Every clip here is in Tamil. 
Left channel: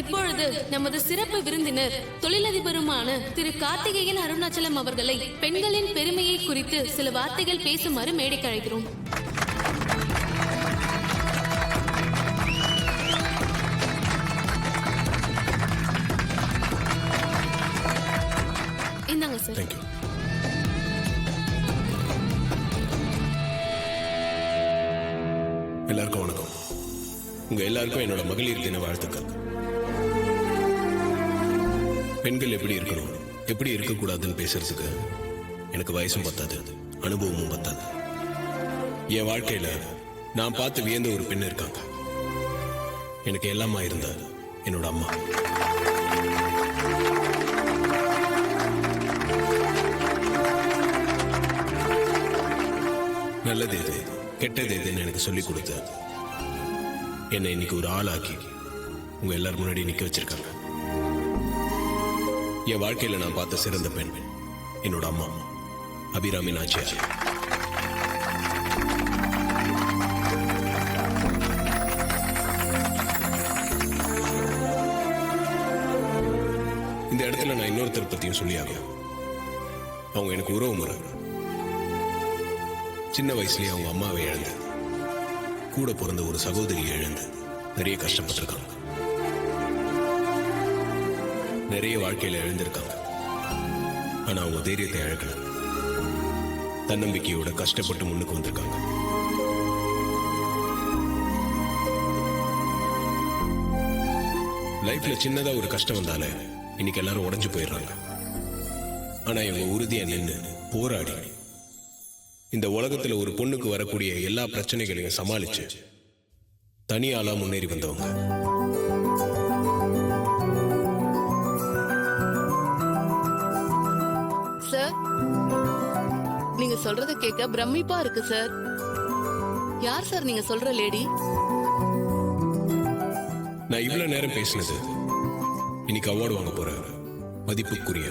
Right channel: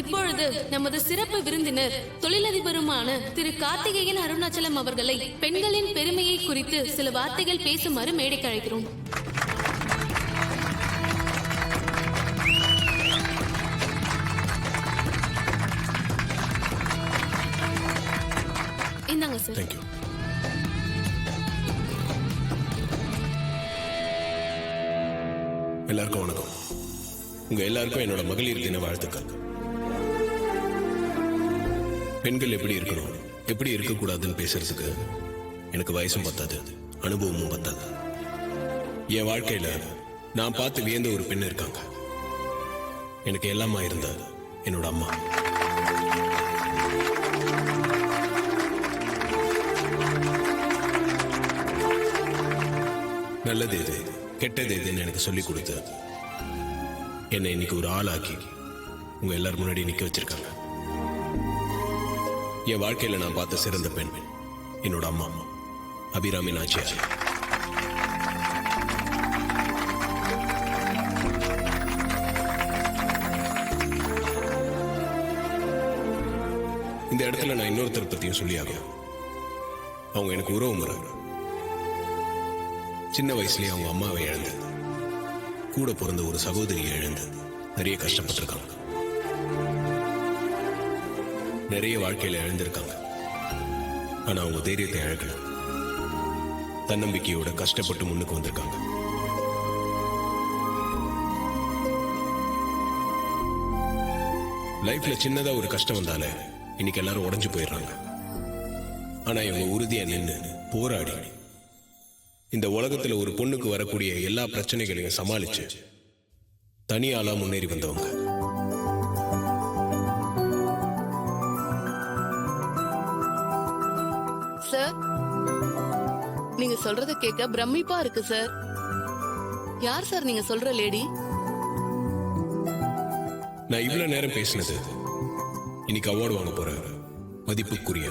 இப்பொழுது நமது சிறப்பு விருந்தினர் தொழிலதிபருமான திரு கார்த்திகேயன் அருணாச்சலம் அவர்களை பெண்களின் பெருமையை குறித்து சில வார்த்தைகள் பேசுமாறு மேடைக்கு அழைக்கிறோம். இந்தாங்க சார். தேங்க்யூ. எல்லாருக்கும் வணக்கம். உங்க எல்லாருக்கும் என்னோட மகளிர் தின வாழ்த்துக்கள். பெண்கள் எப்படி இருக்கணும், எப்படி இருக்கக்கூடாதுன்னு பேசுறதுக்கு எனக்கு வயசும் பத்தாது, அனுபவமும் பத்தாது. என் வாழ்க்கையில நான் பார்த்து வியந்த ஒரு பெண் இருக்காங்க. எனக்கு எல்லாமா இருந்த என்னோட அம்மா. நல்லது எது, கெட்டது எதுன்னு எனக்கு சொல்லிக் கொடுத்து என்னை இன்னைக்கு ஒரு ஆளாக்கி உங்க எல்லாரும் முன்னாடி நிக்க வச்சிருக்காங்க. என் வாழ்க்கையில நான் பார்த்த சிறந்த பெண் என்னோட அம்மா அபிராமி நாச்சியார். இந்த இடத்துல நான் இன்னொருத்தர் பத்தியும் சொல்லியாகும். அவங்க எனக்கு உறவு முறை. சின்ன வயசுலயே அவங்க அம்மாவை இழந்து, கூட பிறந்த ஒரு சகோதரியை இழந்து நிறைய கஷ்டப்பட்டிருக்காங்க. நிறைய வாழ்க்கையில இழந்திருக்காங்க. ஆனா அவங்க தைரியத்தை இழக்கல. தன்னம்பிக்கையோட கஷ்டப்பட்டு முன்னுக்கு வந்திருக்காங்க. லைஃப்ல சின்னதா ஒரு கஷ்டம் வந்தாலே இன்னைக்கு எல்லாரும் உடைஞ்சு போயிடுறாங்க. ஆனா இவங்க உறுதியா நின்று போராடி இந்த உலகத்துல ஒரு பொண்ணுக்கு வரக்கூடிய எல்லா பிரச்சனைகளையும் சமாளிச்சு தனியாளா முன்னேறி வந்தவங்க. சார், நீங்க சொல்றத கேட்க பிரமிப்பா இருக்கு சார். யார் சார் நீங்க சொல்ற லேடி? நான் இவ்வளவு நேரம் பேசினது இன்னைக்கு அவார்டு வாங்க போற மதிப்புக்குரிய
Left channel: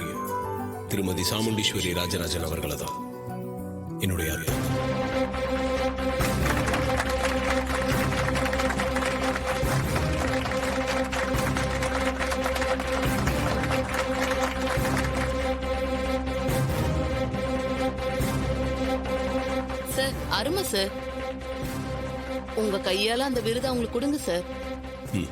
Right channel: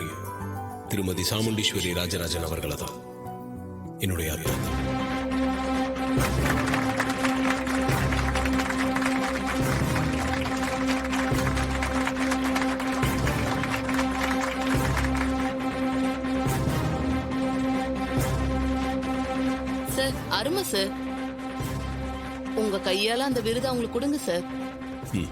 திருமதி சாமுண்டீஸ்வரி ராஜராஜன் அவர்களை தான். என்னுடைய அர்த்தம். சார், அருமை சார். உங்க கையால அந்த விருதை அவங்களுக்கு கொடுங்க சார். ம்.